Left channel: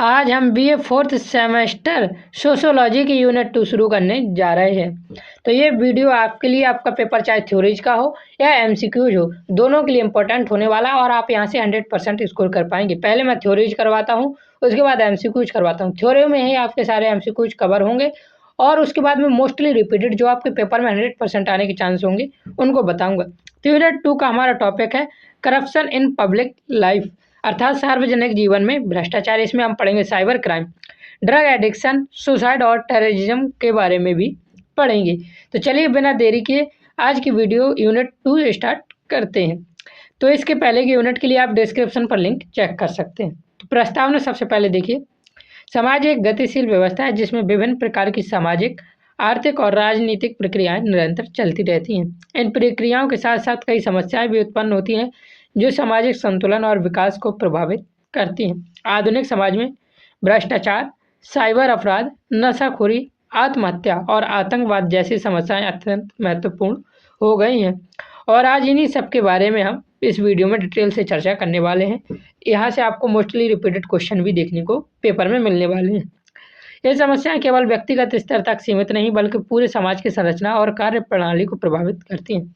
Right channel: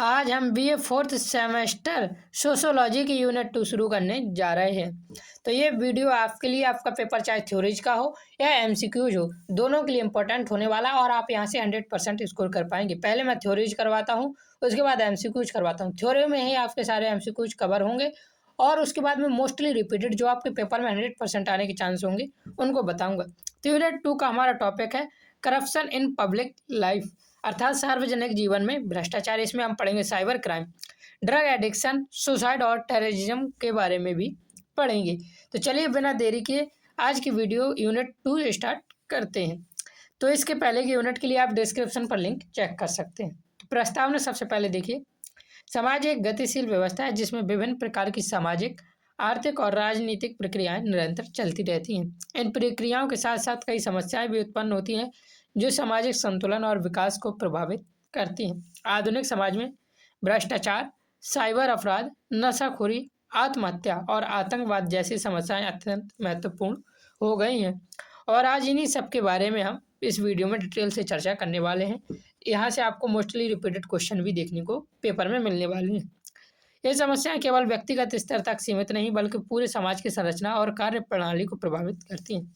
आज हम BA fourth semester sociology की यूनिट 2 शुरू करने जा रहे हैं। तो ये वीडियो आपके लिए, आपका पेपर चाहे थ्योरीज का हो या एमसीक्यूज हो, दोनों के लिए इंपॉर्टेंट होने वाला है और आप यहाँ से 100% स्कोर कर पाएंगे। पहले मैं थ्योरीज करवाता हूँ, उसके बाद एमसीक्यूज करवाता हूँ। थ्योरी में ही आपके सारे एमसीक्यूज कवर होंगे और उसके बाद में मोस्टली रिपीटेड जो आपके पेपर में 100% आने के चांस होंगे उनको बताऊँगा। तो यूनिट 2 का हमारा टॉपिक है करप्शन इन पब्लिक लाइफ, अर्थात सार्वजनिक जीवन में भ्रष्टाचार। इसमें हम पढ़ेंगे cyber crime, drug addiction, suicide और टेररिज्म के बारे में भी पढ़ेंगे। तो चलिए बिना देरी किए आज की वीडियो यूनिट 2 स्टार्ट करते हैं। तो इसके पहले की यूनिट के लिए आप डिस्क्रिप्शन पर लिंक चेक कर सकते हैं। तो प्रस्तावना सबसे पहले देखिए। समाज एक गतिशील व्यवस्था है जिसमें विभिन्न प्रकार की सामाजिक, आर्थिक और राजनीतिक प्रक्रियाएं निरंतर चलती रहती हैं। इन प्रक्रियाओं के साथ साथ कई समस्याएं भी उत्पन्न होती हैं जो सामाजिक संतुलन और विकास को प्रभावित करती हैं। आधुनिक समाज में भ्रष्टाचार, साइबर अपराध, नशाखोरी, आत्महत्या और आतंकवाद जैसी समस्याएं अत्यंत महत्वपूर्ण हो गई हैं और आज इन्हीं सब के बारे में हम इस वीडियो में डिटेल से चर्चा करने वाले हैं। यहाँ से आपको मोस्टली रिपीटेड क्वेश्चन भी देखने को पेपर में मिलने वाले हैं। ये समस्याएं केवल व्यक्तिगत स्तर तक सीमित नहीं बल्कि पूरे समाज की संरचना और कार्य प्रणाली को प्रभावित करती हैं।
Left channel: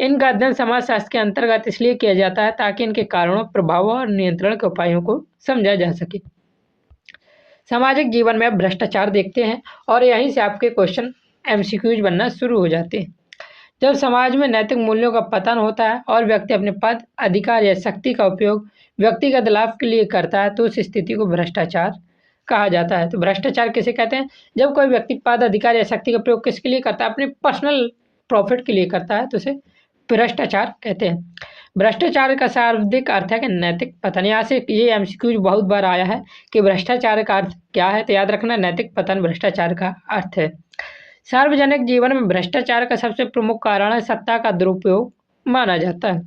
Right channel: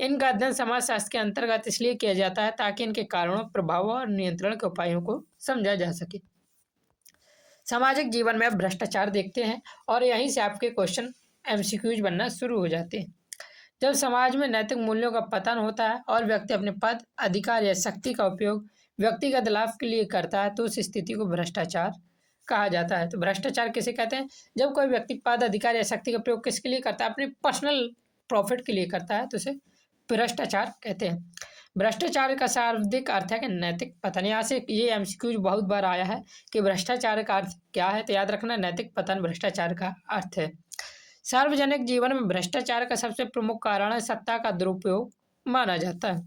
इनका अध्ययन समाज शास्त्र के अंतर्गत इसलिए किया जाता है ताकि इनके कारणों, प्रभावों और नियंत्रण के उपायों को समझा जा सके। सामाजिक जीवन में भ्रष्टाचार देखते हैं और यहीं से आपके क्वेश्चन एमसीक्यूज बनना शुरू हो जाते हैं। जब समाज में नैतिक मूल्यों का पतन होता है और व्यक्ति अपने पद, अधिकार या शक्ति का उपयोग व्यक्तिगत लाभ के लिए करता है तो उस स्थिति को भ्रष्टाचार कहा जाता है। तो भ्रष्टाचार किसे कहते हैं? जब कोई व्यक्ति पद, अधिकार या शक्ति का प्रयोग किसके लिए करता है? अपने पर्सनल प्रॉफिट के लिए करता है तो उसे भ्रष्टाचार कहते हैं। भ्रष्टाचार का शाब्दिक अर्थ है कि नैतिक पतन। यहाँ से ये एमसीक्यूज बहुत बार आया है कि भ्रष्टाचार का अर्थ क्या है, तो याद रखना नैतिक पतन भ्रष्टाचार का अर्थ है। सार्वजनिक जीवन में भ्रष्टाचार का सबसे प्रमुख कारण है सत्ता का दुरुपयोग माना जाता है।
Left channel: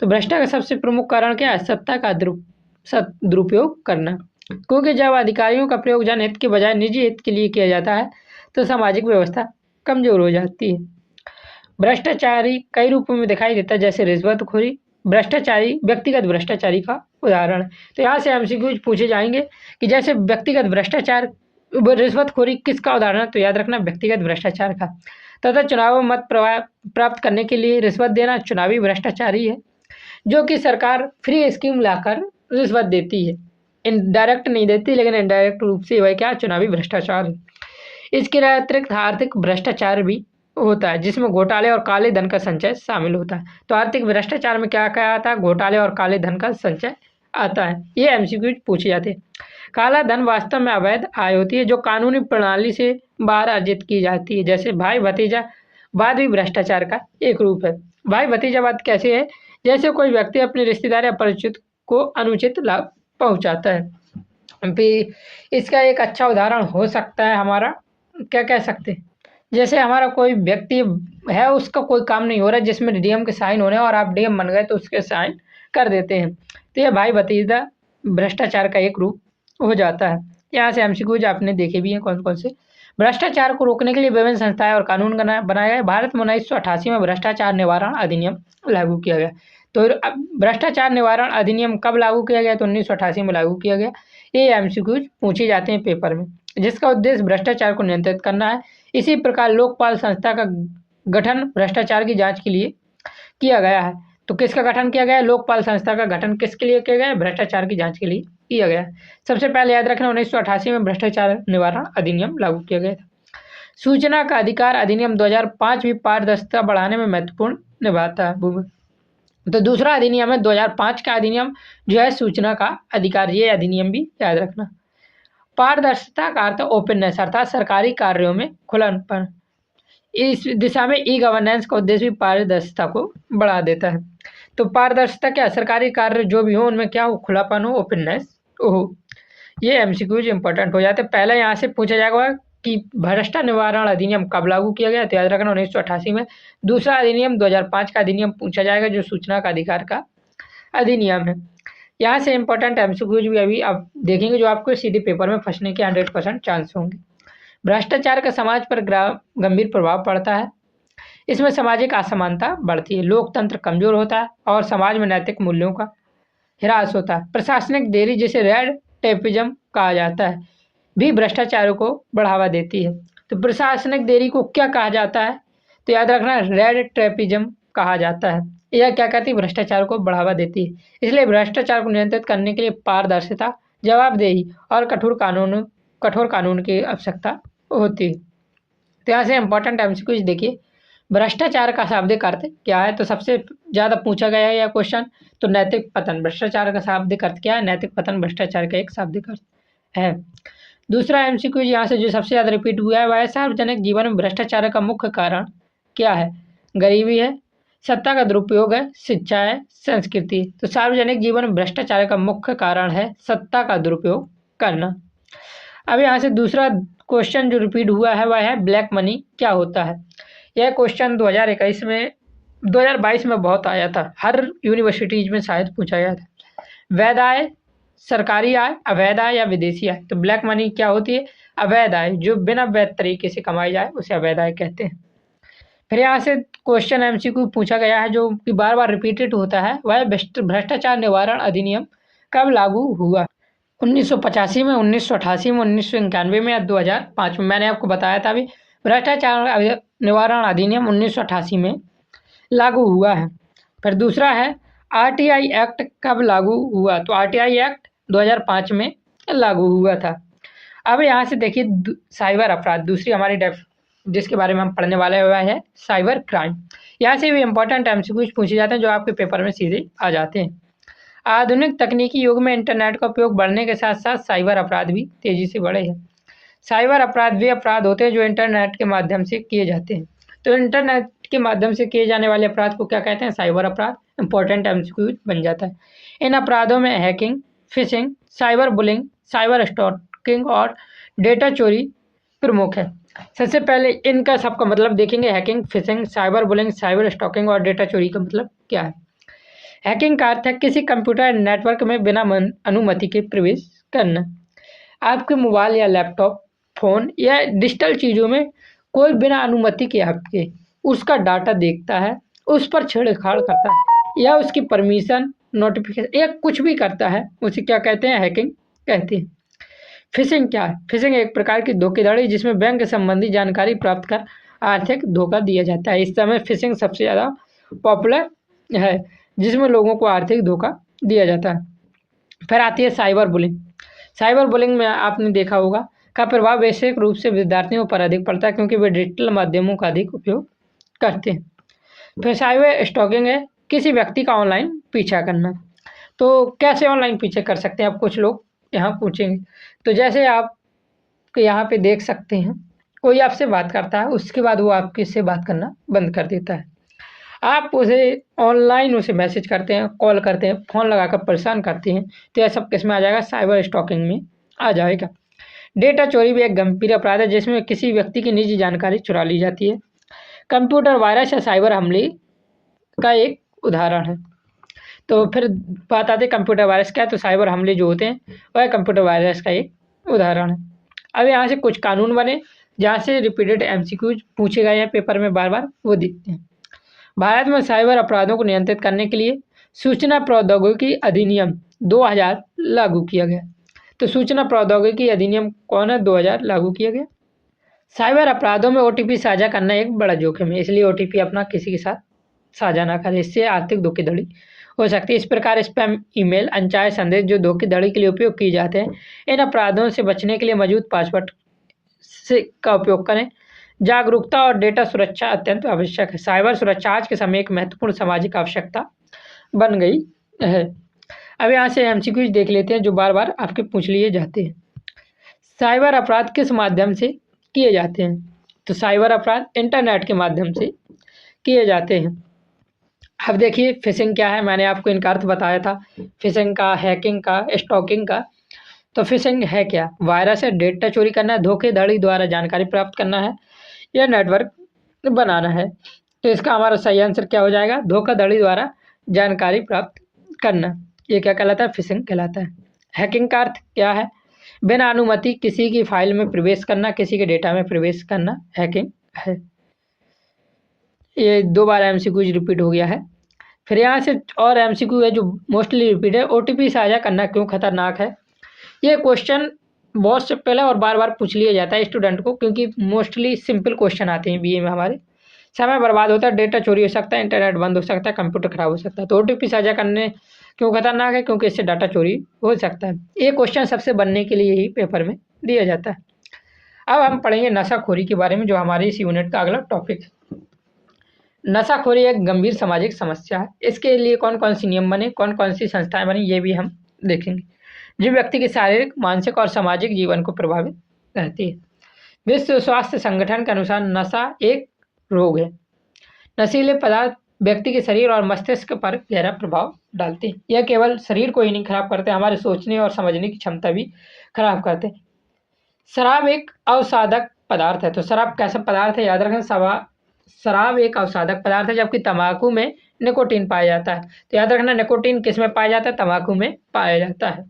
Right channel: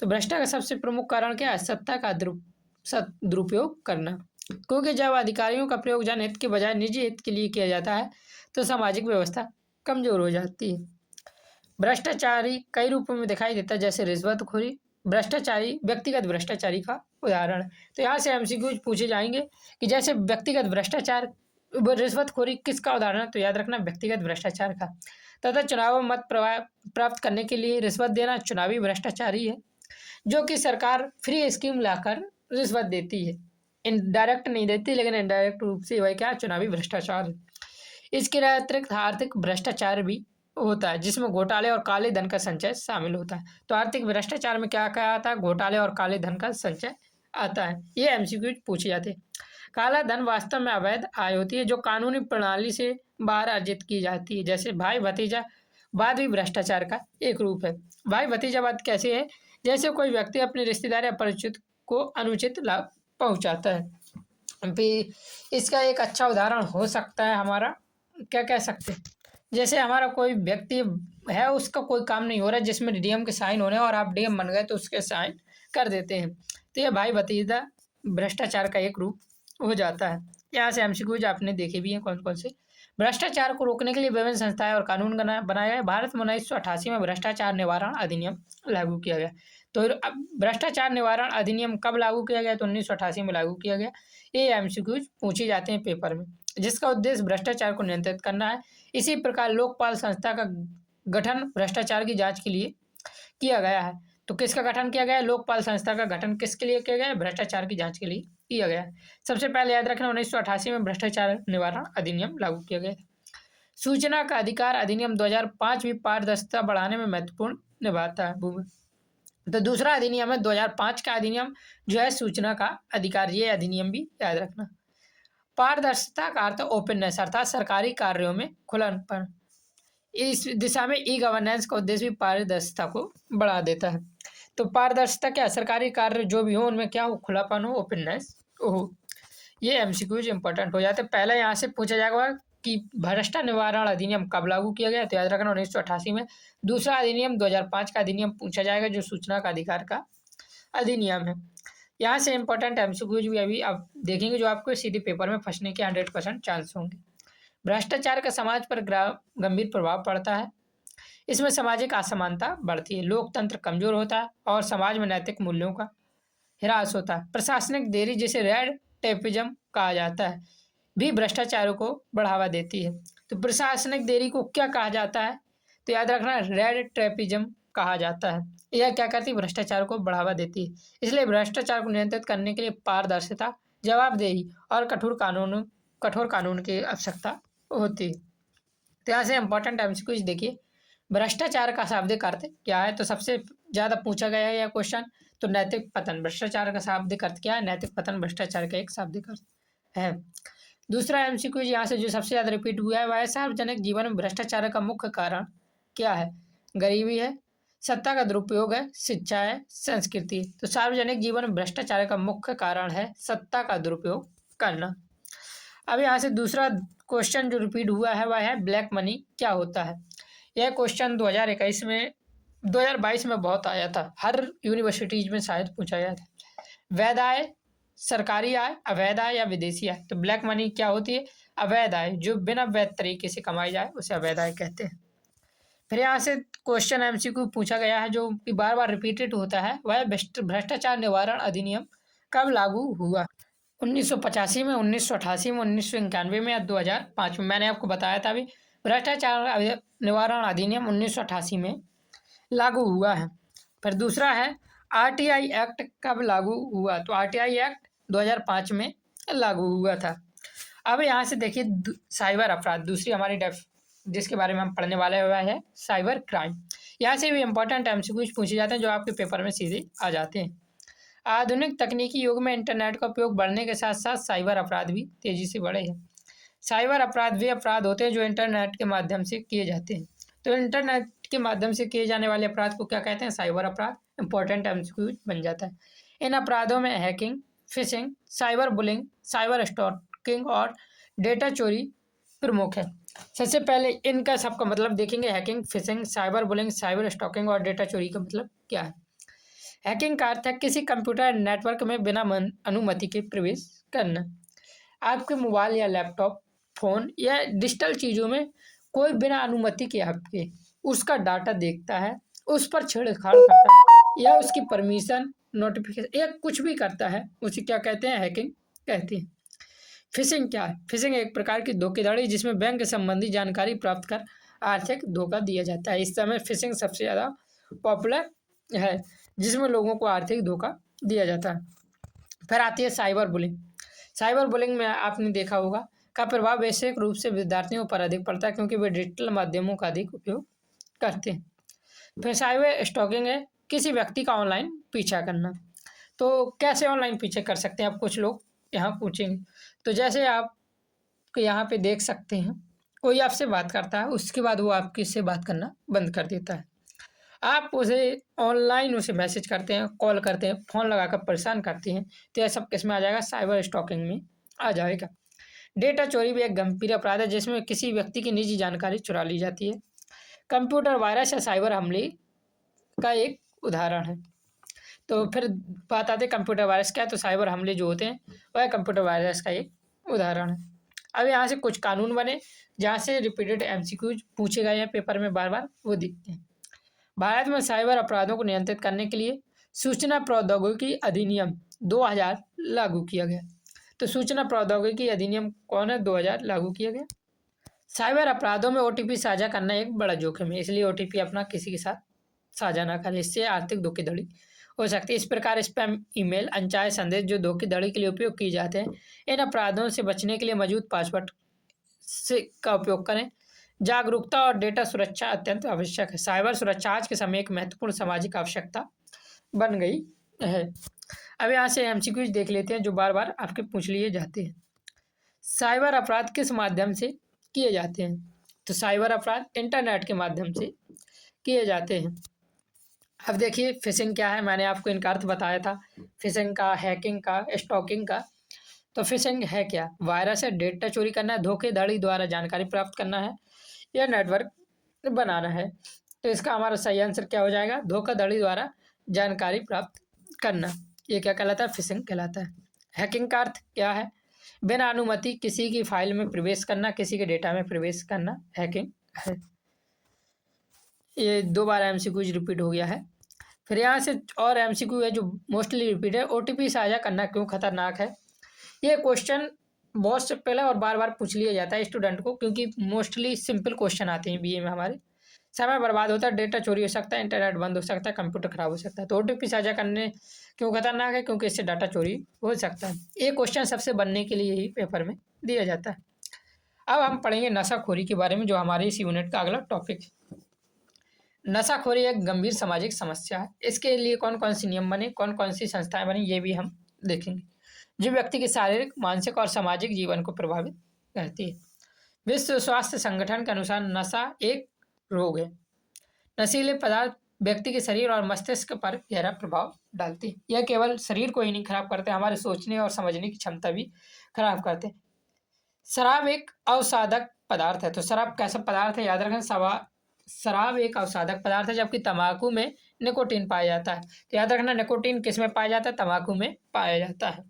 तो भ्रष्टाचार का सबसे प्रमुख कारण क्या है? सत्ता का दुरुपयोग करना, क्योंकि जब अधिकारियों का प्रयोग जनहित के बजाय निजी हित के लिए किया जाता है तो सामाजिक व्यवस्था कमजोर हो जाती है। भ्रष्टाचारी कई रूपों में दिखाई देता है, जैसे रिश्वतखोरी। भ्रष्टाचारी व्यक्तिगत भ्रष्टाचारी का उदाहरण है। तो यहाँ से एमसीक्यूज पूछे जाएंगे कि जैसे व्यक्तिगत भ्रष्टाचार, रिश्वतखोरी किसका उदाहरण है? तो याद रखना व्यक्तिगत भ्रष्टाचार का। तथा चुनाव में मत प्राप्त करने के लिए रिश्वत देना चुनावी भ्रष्टाचारी है, जो कि सरकार फ्री स्कीम लाकर रिश्वत देती है। इनडायरेक्ट नहीं देती लेकिन इनडायरेक्ट रूप से वह क्या? चुनावी भ्रष्टाचार है। इसके अतिरिक्त आर्थिक भ्रष्टाचार भी होता है जिसमें घोटाले और काले धन का संचय शामिल होता है। तो आर्थिक भ्रष्टाचार में क्या क्या आता है? घोटाले और काले धन का संचय आता है। ये एमसीक्यू पूछे जाते हैं। काला धन वास्तव में अवैध आय होती है जो कानूनी प्रणाली से बाहर अर्जित की जाती है। जैसे भाई भतीजावाद भी भ्रष्टाचार का एक रूप है। भाई भतीजावाद कैसे है? जैसे कोई व्यक्ति अपने रिश्तेदार या परिचित को अनुचित लाभ पहुंचाता है। फिर इसका एक अच्छा उदाहरण हो सकता है हमारा, क्या कह सकते हैं, जैसे हमारा कोई व्यक्ति है, उसका कोई काम नहीं हो रहा है जिसमें डीएम के साइन होने और आप डीएम बन गए तो उसके साइन कर देते हैं। तो ये भाई भतीजा भ्रष्टाचार का एक रूप हो जाता है। यहाँ से एमसीक्यूज आपने देखे भी हैं कौन कौन से। भ्रष्टाचार को रोकने के लिए विभिन्न संस्थाएं और कानून बनाए गए। भारत में 1988 में भ्रष्टाचार निवारण अधिनियम लागू किया गया। तो भ्रष्टाचार निवारण अधिनियम कब लागू किया गया? तो 1988 में लागू किया गया। ये एमसीक्यूज पूछे जाते हैं पेपर में, जिसका उद्देश्य भ्रष्टाचार को नियंत्रित करना है। इसी प्रकार लोकपाल संस्था का गठन भ्रष्टाचार की जांच के लिए किया गया है। तो किसका गठन किया गया है? लोकपाल संस्था का गठन किसके लिए किया गया है? भ्रष्टाचार की जांच के लिए किया गया है। सबसे पहले याद रखना 1988 में भ्रष्टाचार निवारण अधिनियम लागू किया गया था। सूचना का अधिकार अधिनियम 2005 भी पारदर्शिता बढ़ाने में महत्वपूर्ण निभाता है। तो दूसरा अधिनियम है 2005 का अधिनियम जो है सूचना का अधिकार। ये अधिनियम भी याद रखना। पारदर्शिता का अर्थ ओपननेस, अर्थात सरकारी कार्यों में खुलापन। इस दिशा में ई गवर्नेंस का उद्देश्य भी पारदर्शिता को बढ़ा देता है। तो पारदर्शिता क्या? सरकारी कार्य जो भी हो उनमें क्या हो? खुलापन हो, ओपननेस हो। ये एमसीक्यूज इंपॉर्टेंट हो जाते हैं। पहले यहाँ से पूछा जाएगा कि भ्रष्टाचार निवारण अधिनियम कब लागू किया गया? तो याद रखना 1988 में। दूसरा अधिनियम 2005 का अधिनियम पूछा जाएगा जो सूचना का अधिकार का अधिनियम है। यहाँ से इंपॉर्टेंट एमसीक्यूज भी अभी आप देखेंगे जो आपको सीधे पेपर में फंसने के 100% चांस होंगे। भ्रष्टाचार का समाज पर गंभीर प्रभाव पड़ता है। इसमें सामाजिक असमानता बढ़ती है, लोकतंत्र कमजोर होता है और समाज में नैतिक मूल्यों का ह्रास होता है। प्रशासनिक देरी जैसे रेड टेपिज्म कहा जाता है? भी भ्रष्टाचार को बढ़ावा देती है। तो प्रशासनिक देरी को क्या कहा जाता है? तो याद रखना, रेड ट्रैपिज्म कहा जाता है। यह क्या करती है? भ्रष्टाचार को बढ़ावा देती है। इसलिए भ्रष्टाचार को नियंत्रित करने के लिए पारदर्शिता, जवाबदेही और कठोर कानून की आवश्यकता होती है। तो यहाँ से इंपॉर्टेंट एमसीक्यूज देखिए, भ्रष्टाचार का शाब्दिक अर्थ क्या है? तो सबसे ज़्यादा पूछा गया है यह क्वेश्चन, तो नैतिक पतन। भ्रष्टाचार का शाब्दिक अर्थ क्या है? नैतिक पतन भ्रष्टाचार का एक शाब्दिक अर्थ है। दूसरा एमसीक्यू यहाँ से जो सबसे ज़्यादा रिपीट हुआ है वह है, सार्वजनिक जीवन में भ्रष्टाचार का मुख्य कारण क्या है? गरीबी है, सत्ता का दुरुपयोग है, शिक्षा है, संस्कृति। तो सार्वजनिक जीवन में भ्रष्टाचार का मुख्य कारण है सत्ता का दुरुपयोग करना। अब यहाँ से दूसरा क्वेश्चन जो रिपीट हुआ है वह है, ब्लैक मनी क्या होता है? यह क्वेश्चन 2022 में बहुत आया था, हर यूनिवर्सिटीज में शायद पूछा गया था। वैध आय, सरकारी आय, अवैध आय या विदेशी आय। तो ब्लैक मनी क्या होती है? अवैध आय, जो बिना वैध तरीके से कमाई जाए उसे अवैध आय कहते हैं। फिर यहाँ से क्वेश्चन एमसीक्यू पूछा गया है जो कि बार बार रिपीटेड होता है, वह भ्रष्टाचार निवारण अधिनियम कब लागू हुआ? 1985 में, 1988 में, 1991 में या 2005 में? मैंने आपको बताया था अभी, भ्रष्टाचार निवारण अधिनियम 1988 में लागू हुआ है। फिर दूसरा है, आरटीआई एक्ट कब लागू हुआ? तो आरटीआई एक्ट 2005 में लागू हुआ था। अब यहाँ से देखिए, साइबर अपराध, दूसरी हमारी जिसके बारे में हम पढ़ने वाले हुआ है साइबर क्राइम। यहाँ से भी इंपॉर्टेंट एमसीक्यूज पूछे जाते हैं जो आपके पेपर में सीधे आ जाते हैं। आधुनिक तकनीकी युग में इंटरनेट का उपयोग बढ़ने के साथ साथ साइबर अपराध भी तेजी से बढ़े हैं। साइबर अपराध वे अपराध होते हैं जो इंटरनेट के माध्यम से किए जाते हैं। तो इंटरनेट के माध्यम से किए जाने वाले अपराध को क्या कहते हैं? साइबर अपराध। इंपॉर्टेंट एमसीक्यू बन जाता है। इन अपराधों में hacking, fishing, cyber bullying, cyber stalking और डेटा चोरी प्रमुख है। सबसे पहले इनका सबका मतलब देखेंगे। Hacking, fishing, cyber bullying, cyber stalking और डेटा चोरी का मतलब क्या है? हैकिंग का अर्थ है किसी कंप्यूटर नेटवर्क में बिना अनुमति के प्रवेश करना। आपके मोबाइल या लैपटॉप, फ़ोन या डिजिटल चीज़ों में कोई बिना अनुमति के आपके उसका डाटा देखता है, उस पर छेड़छाड़ करता है या उसकी परमिशन, नोटिफिकेशन या कुछ भी करता है, उसे क्या कहते हैं? हैकिंग कहते हैं। फिशिंग क्या है? फिशिंग एक प्रकार की धोखाधड़ी जिसमें बैंक संबंधी जानकारी प्राप्त कर आर्थिक धोखा दिया जाता है। इस समय फिशिंग सबसे ज़्यादा पॉपुलर है, जिसमें लोगों को आर्थिक धोखा दिया जाता है। फिर आती है साइबर बुलिंग। साइबर बुलिंग में आपने देखा होगा का प्रभाव वैश्विक रूप से विद्यार्थियों पर अधिक पड़ता है क्योंकि वे डिजिटल माध्यमों का अधिक उपयोग करते हैं। फिर साइबर स्टॉकिंग है किसी व्यक्ति का ऑनलाइन पीछा करना। तो कैसे ऑनलाइन पीछे कर सकते हैं? आप कुछ लोग यहाँ पूछेंगे। तो जैसे आप यहाँ पे देख सकते हैं, कोई आपसे बात करता है, उसके बाद वो आपके से बात करना बंद कर देता है। आप उसे ऑनलाइन उसे मैसेज करते हैं, कॉल करते हैं, फ़ोन लगाकर परेशान करते हैं, तो यह सब किस में आ जाएगा? साइबर स्टॉकिंग में आ जाएगा। डेटा चोरी भी एक गंभीर अपराध है जिसमें किसी व्यक्ति की निजी जानकारी चुरा ली जाती है। कंप्यूटर वायरस या साइबर हमले का एक उदाहरण है। तो फिर बात आती है कंप्यूटर वायरस क्या है? तो साइबर हमले जो होते हैं वह कंप्यूटर वायरस का एक उदाहरण है। अब यहाँ से कुछ कानून बने जहाँ से रिपीटेड एमसीक्यूज पूछे गए हैं पेपर में बार बार, वो देखते हैं। भारत में साइबर अपराधों को नियंत्रित करने के लिए सूचना प्रौद्योगिकी अधिनियम 2000 लागू किया गया। तो सूचना प्रौद्योगिकी अधिनियम कौन है? 2000 लागू किया गया। साइबर अपराधों में ओटीपी साझा करना एक बड़ा जोखिम है, इसलिए ओटीपी अपना किसी के साथ साझा ना करें, इससे आर्थिक धोखाधड़ी हो सकती है। इस प्रकार स्पैम ईमेल, अनचाहे संदेश जो धोखाधड़ी के लिए उपयोग किए जाते हैं, इन अपराधों से बचने के लिए मौजूद पासवर्ड से का उपयोग करें। जागरूकता और डेटा सुरक्षा अत्यंत आवश्यक है। साइबर सुरक्षा आज के समय एक महत्वपूर्ण सामाजिक आवश्यकता बन गई है। अब यहाँ से एमसीक्यूज देख लेते हैं जो बार बार आपके पूछ लिए जाते हैं। साइबर अपराध किस माध्यम से किए जाते हैं? तो साइबर अपराध इंटरनेट के माध्यम से किए जाते हैं। अब देखिए फिशिंग क्या है? मैंने आपको इनका अर्थ बताया था, फिशिंग का, हैकिंग का, स्टॉकिंग का। तो फिशिंग है क्या? वायरस है, डेटा चोरी करना है, धोखाधड़ी द्वारा जानकारी प्राप्त करना है या नेटवर्क बनाना है। तो इसका हमारा सही आंसर क्या हो जाएगा? धोखाधड़ी द्वारा जानकारी प्राप्त करना। ये क्या कहलाता है? फिशिंग कहलाता है। हैकिंग का अर्थ क्या है? बिना अनुमति किसी की फाइल में प्रवेश करना, किसी के डेटा में प्रवेश करना हैकिंग है। ये 2 बार एमसीक्यूज रिपीट हो गया है। फिर यहाँ से और एमसीक्यू है जो मोस्टली रिपीट है, ओटीपी साझा करना क्यों खतरनाक है? ये क्वेश्चन बहुत से पहले और बार बार पूछ लिया जाता है स्टूडेंट को, क्योंकि मोस्टली सिंपल क्वेश्चन आते हैं बीए में हमारे। समय बर्बाद होता है, डेटा चोरी हो सकता है, इंटरनेट बंद हो सकता है, कंप्यूटर खराब हो सकता है। तो ओटीपी साझा करने क्यों खतरनाक है? क्योंकि इससे डाटा चोरी हो सकता है। ये क्वेश्चन सबसे बनने के लिए ही पेपर में दिया जाता है। अब हम पढ़ेंगे नशाखोरी के बारे में, जो हमारे इस यूनिट का अगला टॉपिक है। नशाखोरी एक गंभीर सामाजिक समस्या है। इसके लिए कौन कौन सी नियम बने, कौन कौन सी संस्थाएं बनी, ये भी हम देखेंगे, जो व्यक्ति के शारीरिक, मानसिक और सामाजिक जीवन को प्रभावित रहती है। विश्व स्वास्थ्य संगठन के अनुसार नशा एक रोग है। नशीले पदार्थ व्यक्ति के शरीर और मस्तिष्क पर गहरा प्रभाव डालते हैं। यह केवल शरीर को ही नहीं खराब करते, हमारे सोचने और समझने की क्षमता भी खराब करते हैं। शराब एक अवसादक पदार्थ है। तो शराब कैसा पदार्थ है, याद रखें, शराब एक अवसादक पदार्थ है, जबकि तंबाकू में निकोटीन पाया जाता है। तो याद रखना, निकोटीन किस में पाया जाता है? तंबाकू में पाया जाता है,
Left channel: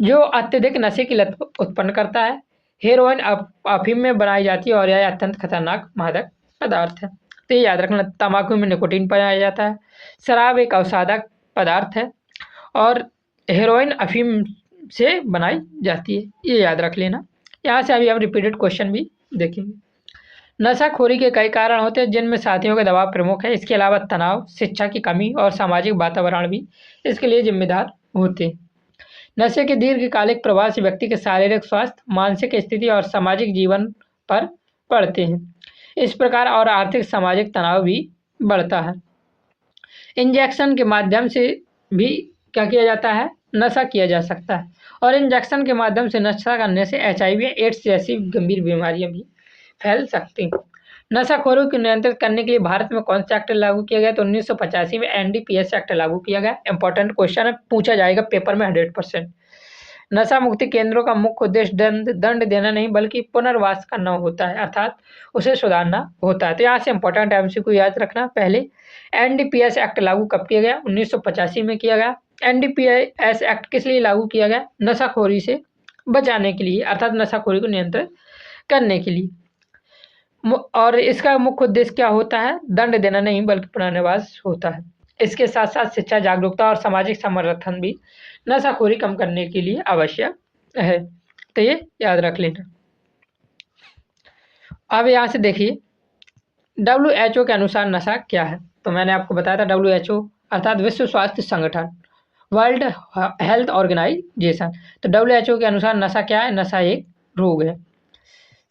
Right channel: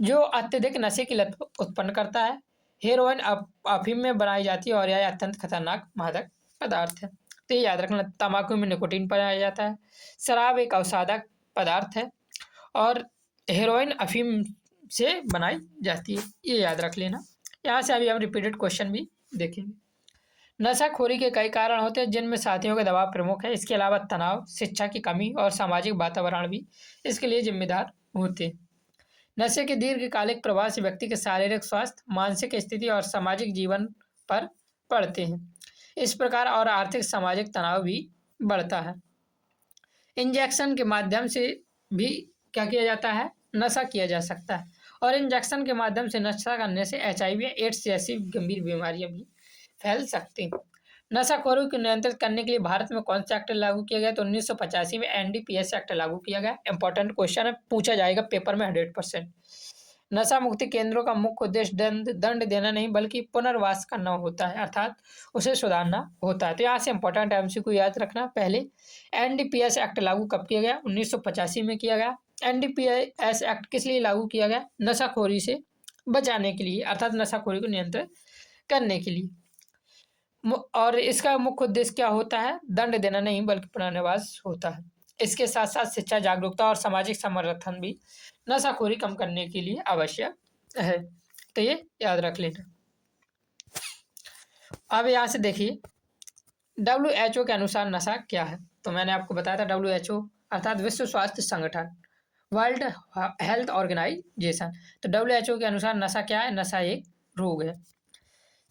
जो अत्यधिक नशे की लत उत्पन्न करता है। हेरोइन अफीम में बनाई जाती है और यह अत्यंत खतरनाक मादक पदार्थ है। तो ये याद रखना, तंबाकू में निकोटीन पाया जाता है, शराब एक अवसादक पदार्थ है और हेरोइन अफीम से बनाई जाती है। ये याद रख लेना। यहाँ से अभी हम रिपीटेड क्वेश्चन भी देखेंगे। नशाखोरी के कई कारण होते हैं, जिनमें साथियों का दबाव प्रमुख है। इसके अलावा तनाव, शिक्षा की कमी और सामाजिक वातावरण भी इसके लिए जिम्मेदार होते हैं। नशे के दीर्घकालिक प्रभाव से व्यक्ति के शारीरिक स्वास्थ्य, मानसिक स्थिति और सामाजिक जीवन पर पड़ते हैं। इस प्रकार और आर्थिक सामाजिक तनाव भी बढ़ता है। इंजेक्शन के माध्यम से भी क्या किया जाता है? नशा किया जा सकता है, और इंजेक्शन के माध्यम से नशा करने से HIV, एड्स जैसी गंभीर बीमारियां भी फैल सकती हैं। नशाखोरों को नियंत्रित करने के लिए भारत में कौन सा एक्ट लागू किया गया? तो 1985 में NDPS एक्ट लागू किया गया। इंपॉर्टेंट क्वेश्चन है, पूछा जाएगा पेपर में 100%। नशा मुक्ति केंद्रों का मुख्य उद्देश्य दंड देना नहीं, बल्कि पुनर्वास करना होता है, अर्थात उसे सुधारना होता है। तो यहाँ से इंपॉर्टेंट MCQ याद रखना। पहले NDPS एक्ट लागू कब किया गया? 1985 में किया गया। NDPS एक्ट किस लिए लागू किया गया? नशाखोरी से बचाने के लिए, अर्थात नशाखोरी को नियंत्रित करने के लिए। और इसका मुख्य उद्देश्य क्या होता है? दंड देना नहीं, बल्कि पुनर्वास होता है। इसके साथ साथ शिक्षा, जागरूकता और सामाजिक समर्थन भी नशाखोरी कम करने के लिए आवश्यक है। तो ये याद रख लेना। अब यहाँ से देखिए, WHO के अनुसार नशा क्या है? तो मैंने आपको बताया था WHO अर्थात विश्व स्वास्थ्य संगठन, वर्ल्ड हेल्थ ऑर्गेनाइजेशन। तो WHO के अनुसार नशा क्या है? नशा एक रोग है।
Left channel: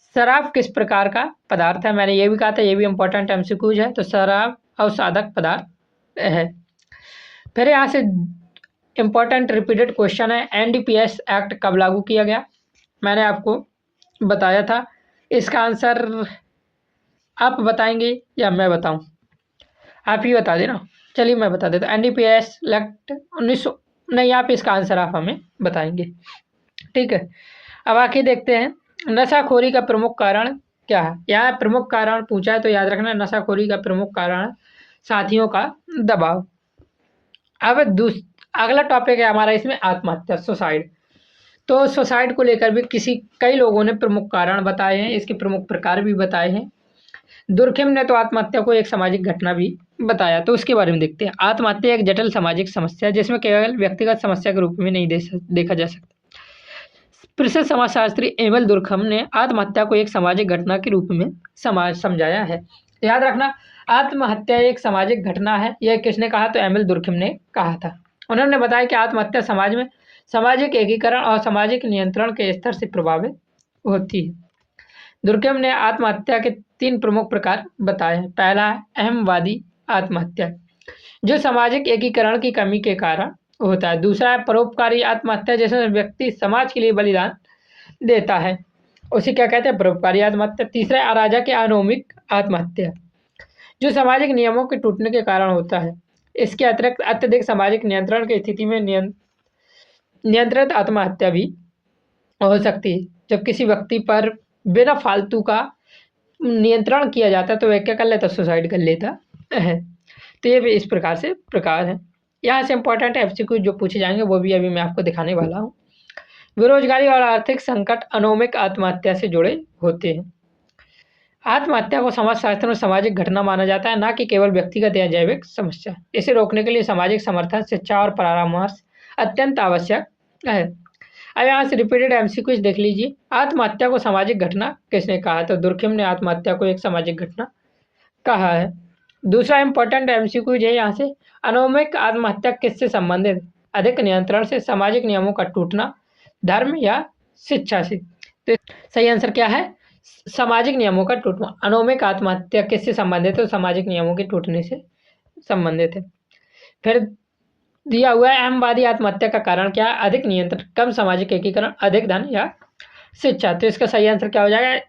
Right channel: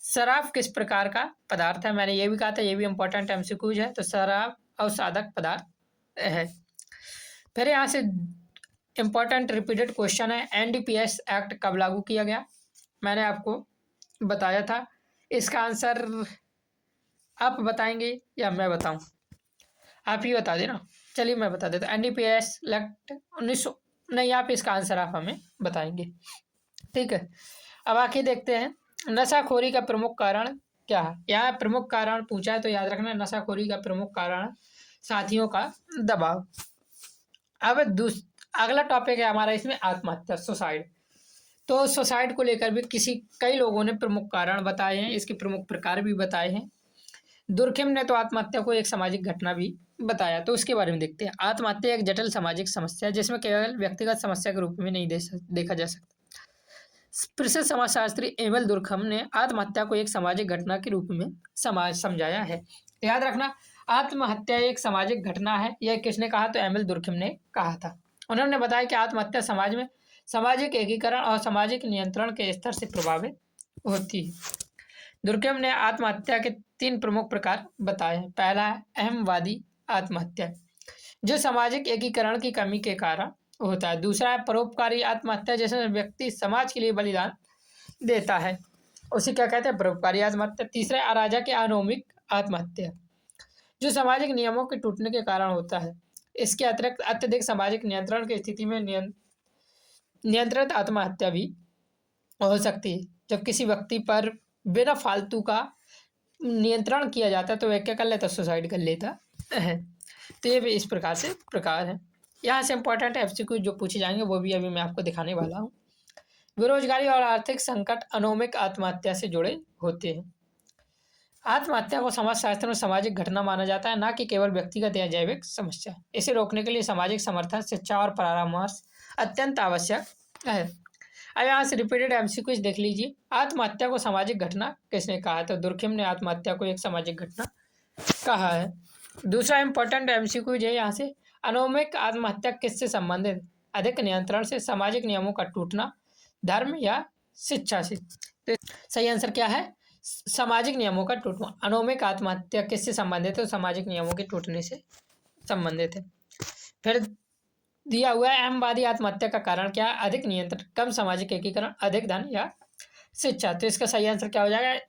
शराब किस प्रकार का पदार्थ है? मैंने ये भी कहा था, ये भी इंपॉर्टेंट MCQ है। तो शराब अवसादक पदार्थ है। फिर यहाँ से इंपॉर्टेंट रिपीटेड क्वेश्चन है, NDPS एक्ट कब लागू किया गया? मैंने आपको बताया था। इसका आंसर आप बताएंगे या मैं बताऊं? आप ही बता देना। चलिए मैं बता देता हूँ। NDPS एक्ट 1900 नहीं, आप इसका आंसर आप हमें बताएंगे, ठीक है। अब आके देखते हैं नशाखोरी का प्रमुख कारण क्या है। यहाँ प्रमुख कारण पूछा है, तो याद रखना नशाखोरी का प्रमुख कारण साथियों का दबाव। अब अगला टॉपिक है हमारा इसमें आत्महत्या, सुसाइड। तो सुसाइड को लेकर भी कई लोगों ने प्रमुख कारण बताए हैं, इसके प्रमुख प्रकार भी बताए हैं। दुर्खिम ने तो आत्महत्या को एक सामाजिक घटना भी बताया, तो उसके बारे में देखते हैं। आत्महत्या एक जटिल सामाजिक समस्या है, जिसमें केवल व्यक्तिगत समस्या के रूप में नहीं देखा जा सकता। प्रसिद्ध समाजशास्त्री एमिल दुर्खिम ने आत्महत्या को एक सामाजिक घटना के रूप में समझाया है। याद रखना, आत्महत्या एक सामाजिक घटना है। यह किसने कहा? तो एमिल दुर्खिम ने कहा था। उन्होंने बताया कि आत्महत्या समाज में सामाजिक एकीकरण और सामाजिक नियंत्रण के स्तर से प्रभावित होती है। दुर्खिम ने आत्महत्या के 3 प्रमुख प्रकार बताए हैं। पहला है अहमवादी आत्महत्या, जो सामाजिक एकीकरण की कमी के कारण होता है। दूसरा है परोपकारी आत्महत्या, जिसमें व्यक्ति समाज के लिए बलिदान देता है, उसे क्या कहते हैं? परोपकारी आत्महत्या। तीसरा है अराजक या अनौमिक आत्महत्या, जो सामाजिक नियमों के टूटने के कारण होता है। इसके अतिरिक्त अत्यधिक सामाजिक नियंत्रण की स्थिति में नियंत्रित आत्महत्या भी हो सकती है, जब किसी व्यक्ति पर बिना फालतू का नियंत्रण किया जाता है तो वह क्या कर लेता? सुसाइड कर लेता है। तो ये भी इस प्रकार से प्रकार है। यहाँ से इंपॉर्टेंट MCQ जो पूछे जाएंगे वो भी अभी मैं आपको दिखाने वाला हूँ। बेरोजगारी और आर्थिक संकट अनौमिक आत्महत्या से जुड़े होते हैं। आत्महत्या को समाजशास्त्र में सामाजिक घटना माना जाता है, न कि केवल व्यक्तिगत या जैविक समस्या। इसे रोकने के लिए सामाजिक समर्थन, शिक्षा और परामर्श अत्यंत आवश्यक है। अब यहाँ से रिपीटेड एमसीक्यूज देख लीजिए। आत्महत्या को सामाजिक घटना किसने कहा है? तो दुर्खिम ने आत्महत्या को एक सामाजिक घटना कहा है। दूसरा इंपॉर्टेंट एमसीक्यूज है यहाँ से, अनौमिक आत्महत्या किससे संबंधित? अधिक नियंत्रण से, सामाजिक नियमों का टूटना, धर्म या शिक्षा से? तो सही आंसर क्या है? सामाजिक नियमों का टूटना। अनौमिक आत्महत्या किससे संबंधित है? तो सामाजिक नियमों के टूटने से संबंधित है। फिर दिया हुआ है अहमवादी आत्महत्या का कारण क्या है? अधिक नियंत्रण, कम सामाजिक एकीकरण, अधिक धन या शिक्षा? तो इसका सही आंसर क्या हो जाएगा?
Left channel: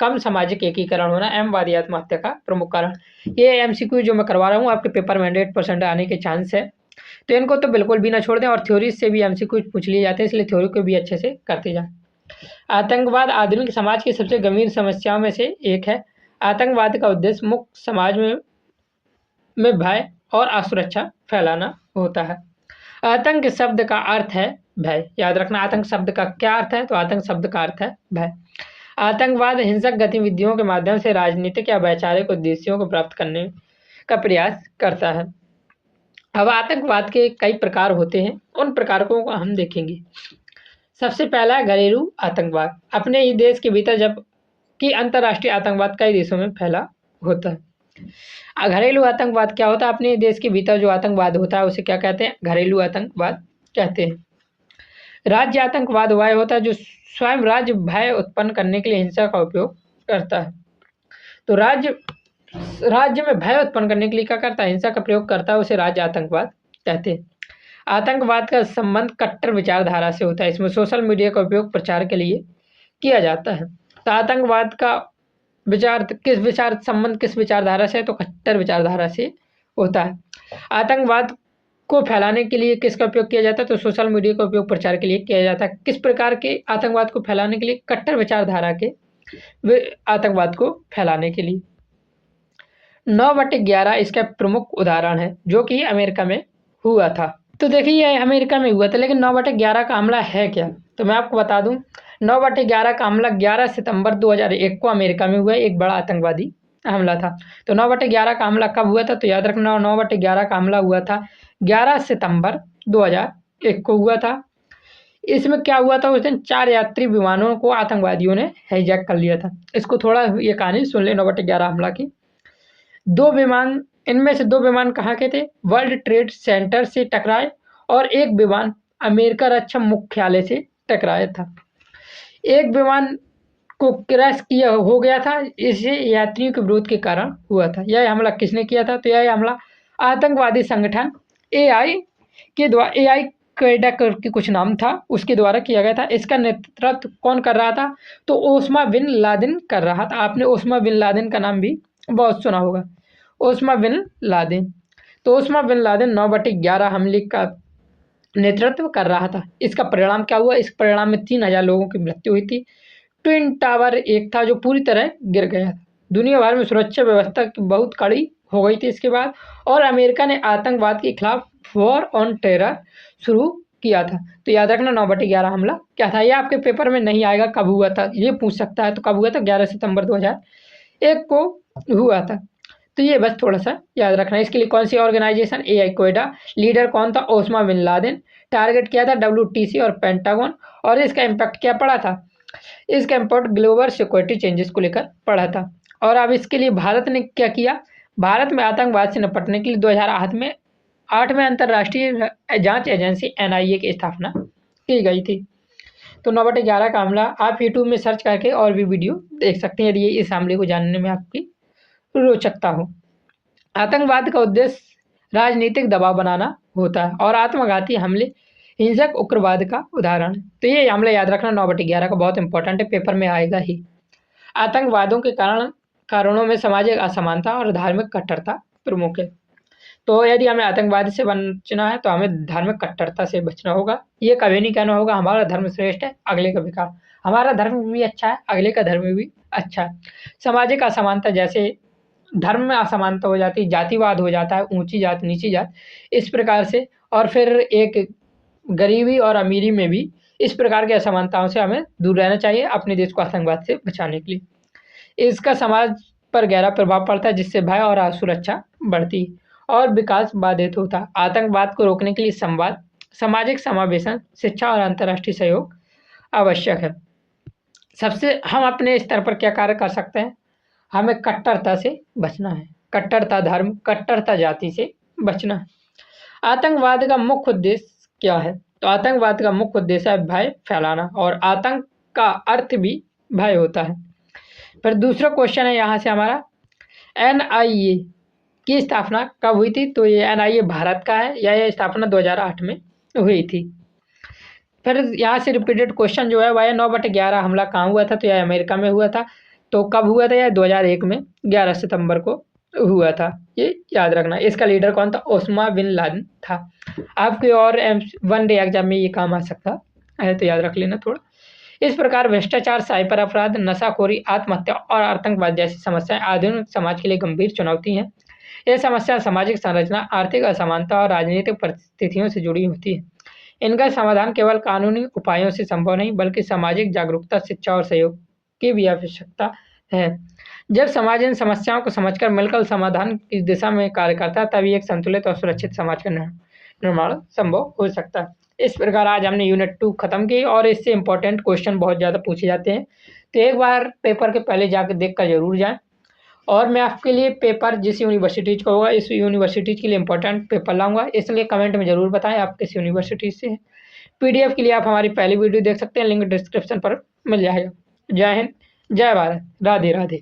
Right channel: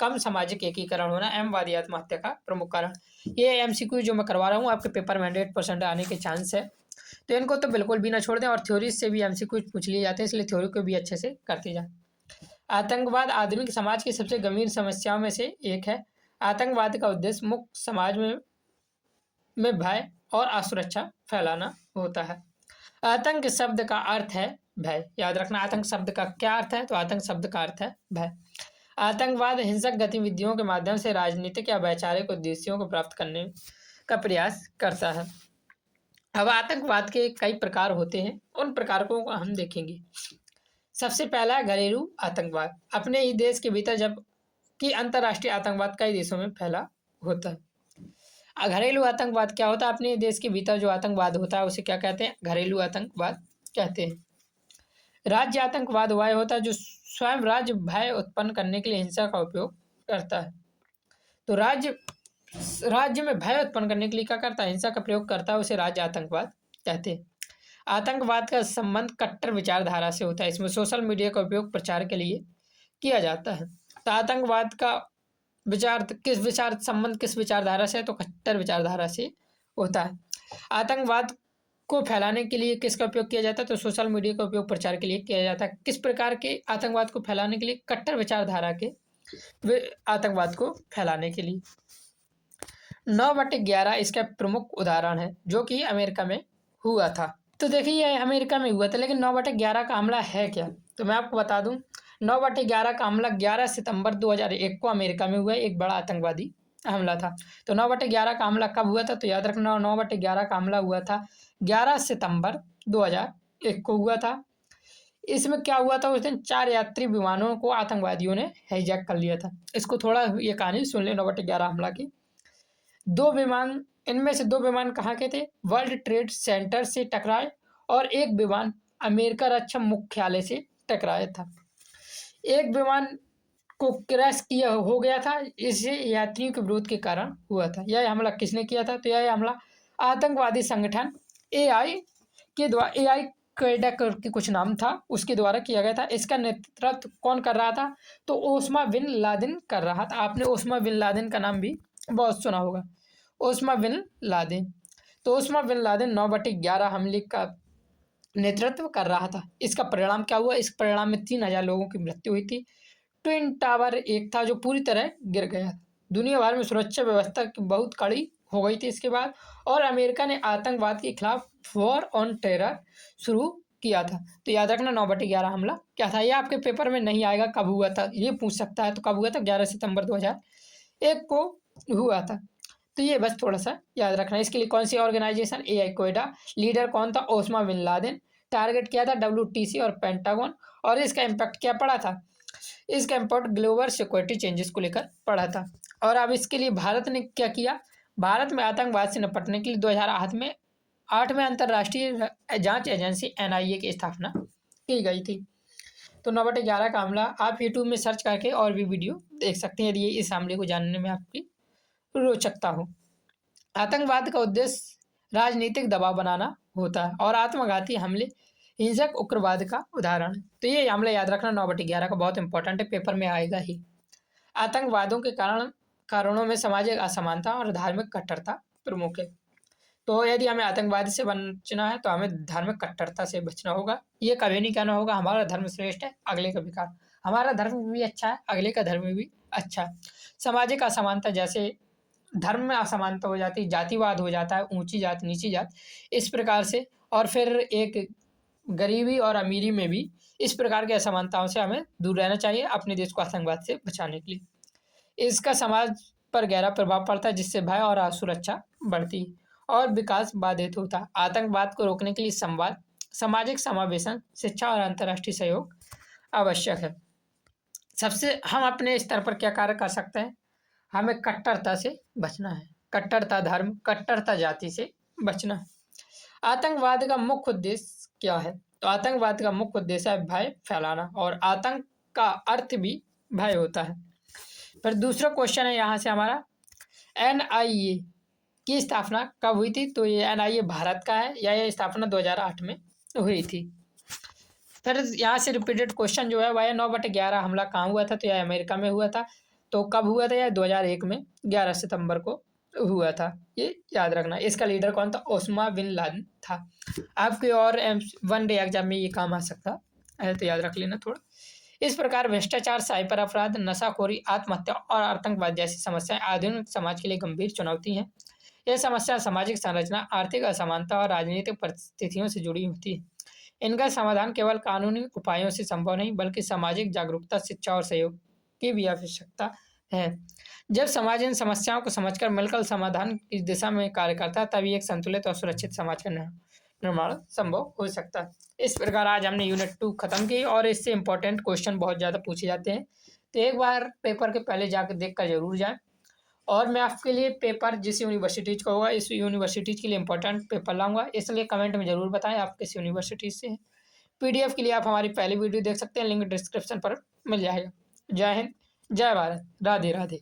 कम सामाजिक एकीकरण होना अहमवादी आत्महत्या का प्रमुख कारण। ये एमसीक्यू जो मैं करवा रहा हूँ आपके पेपर में 100% आने के चांस है, तो इनको तो बिल्कुल भी ना छोड़ दें। और थ्योरी से भी एमसीक्यू पूछ लिए जाते हैं, इसलिए थ्योरी को भी अच्छे से करते जाएं। आतंकवाद आधुनिक समाज की सबसे गंभीर समस्याओं में से एक है। आतंकवाद का उद्देश्य मुक्त समाज में भय और असुरक्षा फैलाना होता है। आतंक शब्द का अर्थ है भय। याद रखना, आतंक शब्द का क्या अर्थ है? तो आतंक शब्द का अर्थ है भय। आतंकवाद हिंसक गतिविधियों के माध्यम से राजनीतिक या वैचारिक उद्देश्यों को प्राप्त करने का प्रयास करता है। अब आतंकवाद के कई प्रकार होते हैं, उन प्रकारों को हम देखेंगे। सबसे पहला है घरेलू आतंकवाद। अपने ही देश के भीतर जबकि अंतर्राष्ट्रीय आतंकवाद कई देशों में फैला होता है। घरेलू आतंकवाद क्या होता है? अपने देश के भीतर जो आतंकवाद होता है उसे क्या कहते हैं? घरेलू आतंकवाद कहते हैं। राज्य आतंकवाद वह होता है जो स्वयं राज्य भय उत्पन्न करने के लिए हिंसा का उपयोग करता है। तो राज्य में भय उत्पन्न करने के लिए क्या करता है? हिंसा का प्रयोग करता है, उसे राज्य आतंकवाद कहते हैं। आतंकवाद का संबंध कट्टर विचारधारा से होता है। इसमें सोशल मीडिया का उपयोग प्रचार के लिए किया जाता है। तो आतंकवाद का संबंध किस विचारधारा से है? तो कट्टर विचारधारा से होता है। आतंकवाद को फैलाने के लिए किसका उपयोग किया जाता है? तो सोशल मीडिया का उपयोग प्रचार के लिए किया जाता है। किस प्रकार के आतंकवाद को फैलाने के लिए? कट्टर विचारधारा के आतंकवाद को फैलाने के लिए। 9/11 इसका प्रमुख उदाहरण है, जो कि अमेरिका में हुआ था। तो देखिए ये अमेरिका में हुआ था, लेकिन 9/11 का हमला है क्या? तो मैं आपको बता दूं, 9/11 का हमला 11 सितंबर 2001 को अमेरिका में हुआ, एक बड़ा आतंकवादी हमला था। तो 9/11 का हमला कब हुआ था? तो याद रखना, 9/11 का हमला हुआ था 11 सितंबर 2001 को हुआ था। इसमें क्या हुआ था? उस दिन 4 यात्री विमानों को आतंकवादियों ने हाईजैक कर लिया था। इसको थोड़ा ये कहानी सुन ले 9/11 हमला की। इनमें से 2 विमान कहाँ के थे? वर्ल्ड ट्रेड सेंटर से टकराए और एक विमान अमेरिका रक्षा मुख्यालय से टकराया था। एक विमान को क्रैश किया हो गया था, इसे यात्रियों के विरोध के कारण हुआ था। यह हमला किसने किया था? तो यह हमला आतंकवादी संगठन AI क्वेडा करके कुछ नाम था, उसके द्वारा किया गया था। इसका नेतृत्व कौन कर रहा था? तो ओस्मा बिन लादेन कर रहा था। आपने ओस्मा बिन लादेन का नाम भी बहुत सुना होगा, ओस्मा बिन लादेन। तो ओस्मा बिन लादेन 9/11 हमले का नेतृत्व कर रहा था। इसका परिणाम क्या हुआ? इस परिणाम में 3000 लोगों की मृत्यु हुई थी। ट्विन टावर एक था जो पूरी तरह गिर गया था। दुनिया भर में सुरक्षा व्यवस्था की बहुत कड़ी हो गई थी इसके बाद, और अमेरिका ने आतंकवाद के खिलाफ वॉर ऑन टेरर शुरू किया था। तो याद रखना 9/11 हमला क्या था। ये आपके पेपर में नहीं आएगा कब हुआ था, ये पूछ सकता है। तो कब हुआ था? 11 सितंबर 2001 को हुआ था। तो ये बस थोड़ा सा याद रखना। इसके लिए कौन सी ऑर्गेनाइजेशन? AI क्वेडा। लीडर कौन था? ओस्मा बिन लादेन। टारगेट किया था WTC और पेंटागन। और इसका इम्पैक्ट क्या पड़ा था? इसका इम्पैक्ट ग्लोबल सिक्योरिटी चेंजेस को लेकर पड़ा था। और अब इसके लिए भारत ने क्या किया? भारत में आतंकवाद से निपटने के लिए 2008 में अंतर्राष्ट्रीय जांच एजेंसी NIA की स्थापना की गई थी। तो 9/11 का हमला आप यूट्यूब में सर्च करके और भी वीडियो देख सकते हैं, यदि इस हमले को जानने में आपकी रोचकता हो। आतंकवाद का उद्देश्य राजनीतिक दबाव बनाना होता है, और आत्मघाती हमले हिंसक उग्रवाद का उदाहरण। तो ये हमले याद रखना 9/11 का बहुत इंपॉर्टेंट है, पेपर में आएगा ही। आतंकवादों के कारणों में सामाजिक असमानता और धार्मिक कट्टरता प्रमुख है। तो यदि हमें आतंकवाद से बचना है तो हमें धार्मिक कट्टरता से बचना होगा। ये कभी नहीं कहना होगा हमारा धर्म श्रेष्ठ है, अगले का बेकार। हमारा धर्म भी अच्छा है, अगले का धर्म भी अच्छा है। सामाजिक असमानता, जैसे धर्म में असमानता हो जाती है, जातिवाद हो जाता है, ऊंची जात नीची जात, इस प्रकार से। और फिर एक गरीबी और अमीरी में भी इस प्रकार की असमानताओं से हमें दूर रहना चाहिए, अपने देश को आतंकवाद से बचाने के लिए। इसका समाज पर गहरा प्रभाव पड़ता है, जिससे भय और असुरक्षा बढ़ती और विकास बाधित होता है। आतंकवाद को रोकने के लिए संवाद, सामाजिक समावेशन, शिक्षा और अंतर्राष्ट्रीय सहयोग आवश्यक है। सबसे हम अपने स्तर पर क्या कार्य कर सकते हैं? हमें कट्टरता से बचना है, कट्टरता धर्म, कट्टरता जाति से बचना है। आतंकवाद का मुख्य उद्देश्य क्या है? तो आतंकवाद का मुख्य उद्देश्य है भय फैलाना, और आतंक का अर्थ भी भय होता है। फिर दूसरा क्वेश्चन है यहाँ से हमारा, एनआईए की स्थापना कब हुई थी? तो ये एनआईए भारत का है, या ये स्थापना 2008 में हुई थी। फिर यहाँ से रिपीटेड क्वेश्चन जो है वह 9/11 हमला कहाँ हुआ था? तो यह अमेरिका में हुआ था। तो कब हुआ था? यह 2001 में 11 सितंबर को हुआ था, ये याद रखना। इसका लीडर कौन था? ओसामा बिन लादेन था। आपके और वन डे एग्जाम में ये काम आ सकता है, तो याद रख लेना थोड़ा। इस प्रकार भ्रष्टाचार, साइबर अपराध, नशाखोरी, आत्महत्या और आतंकवाद जैसी समस्याएं आधुनिक समाज के लिए गंभीर चुनौती हैं। यह समस्या सामाजिक संरचना, आर्थिक असमानता और राजनीतिक परिस्थितियों से जुड़ी होती है। इनका समाधान केवल कानूनी उपायों से संभव नहीं, बल्कि सामाजिक जागरूकता, शिक्षा और सहयोग की भी आवश्यकता है। जब समाज इन समस्याओं को समझकर मिलकर समाधान की दिशा में कार्य करता है, तभी एक संतुलित और सुरक्षित समाज का निर्माण संभव हो सकता है। इस प्रकार आज हमने यूनिट 2 खत्म की, और इससे इंपॉर्टेंट क्वेश्चन बहुत ज़्यादा पूछे जाते हैं, तो एक बार पेपर के पहले जाकर देख कर जरूर जाएं। और मैं आपके लिए पेपर जिस यूनिवर्सिटीज़ का होगा, इस यूनिवर्सिटीज़ के लिए इंपॉर्टेंट पेपर लाऊंगा, इसलिए कमेंट में ज़रूर बताएं आप किस यूनिवर्सिटी से हैं। पीडीएफ के लिए आप हमारी पहली वीडियो देख सकते हैं, लिंक डिस्क्रिप्शन पर मिल जाएगा। जय हिंद, जय भारत, राधे राधे।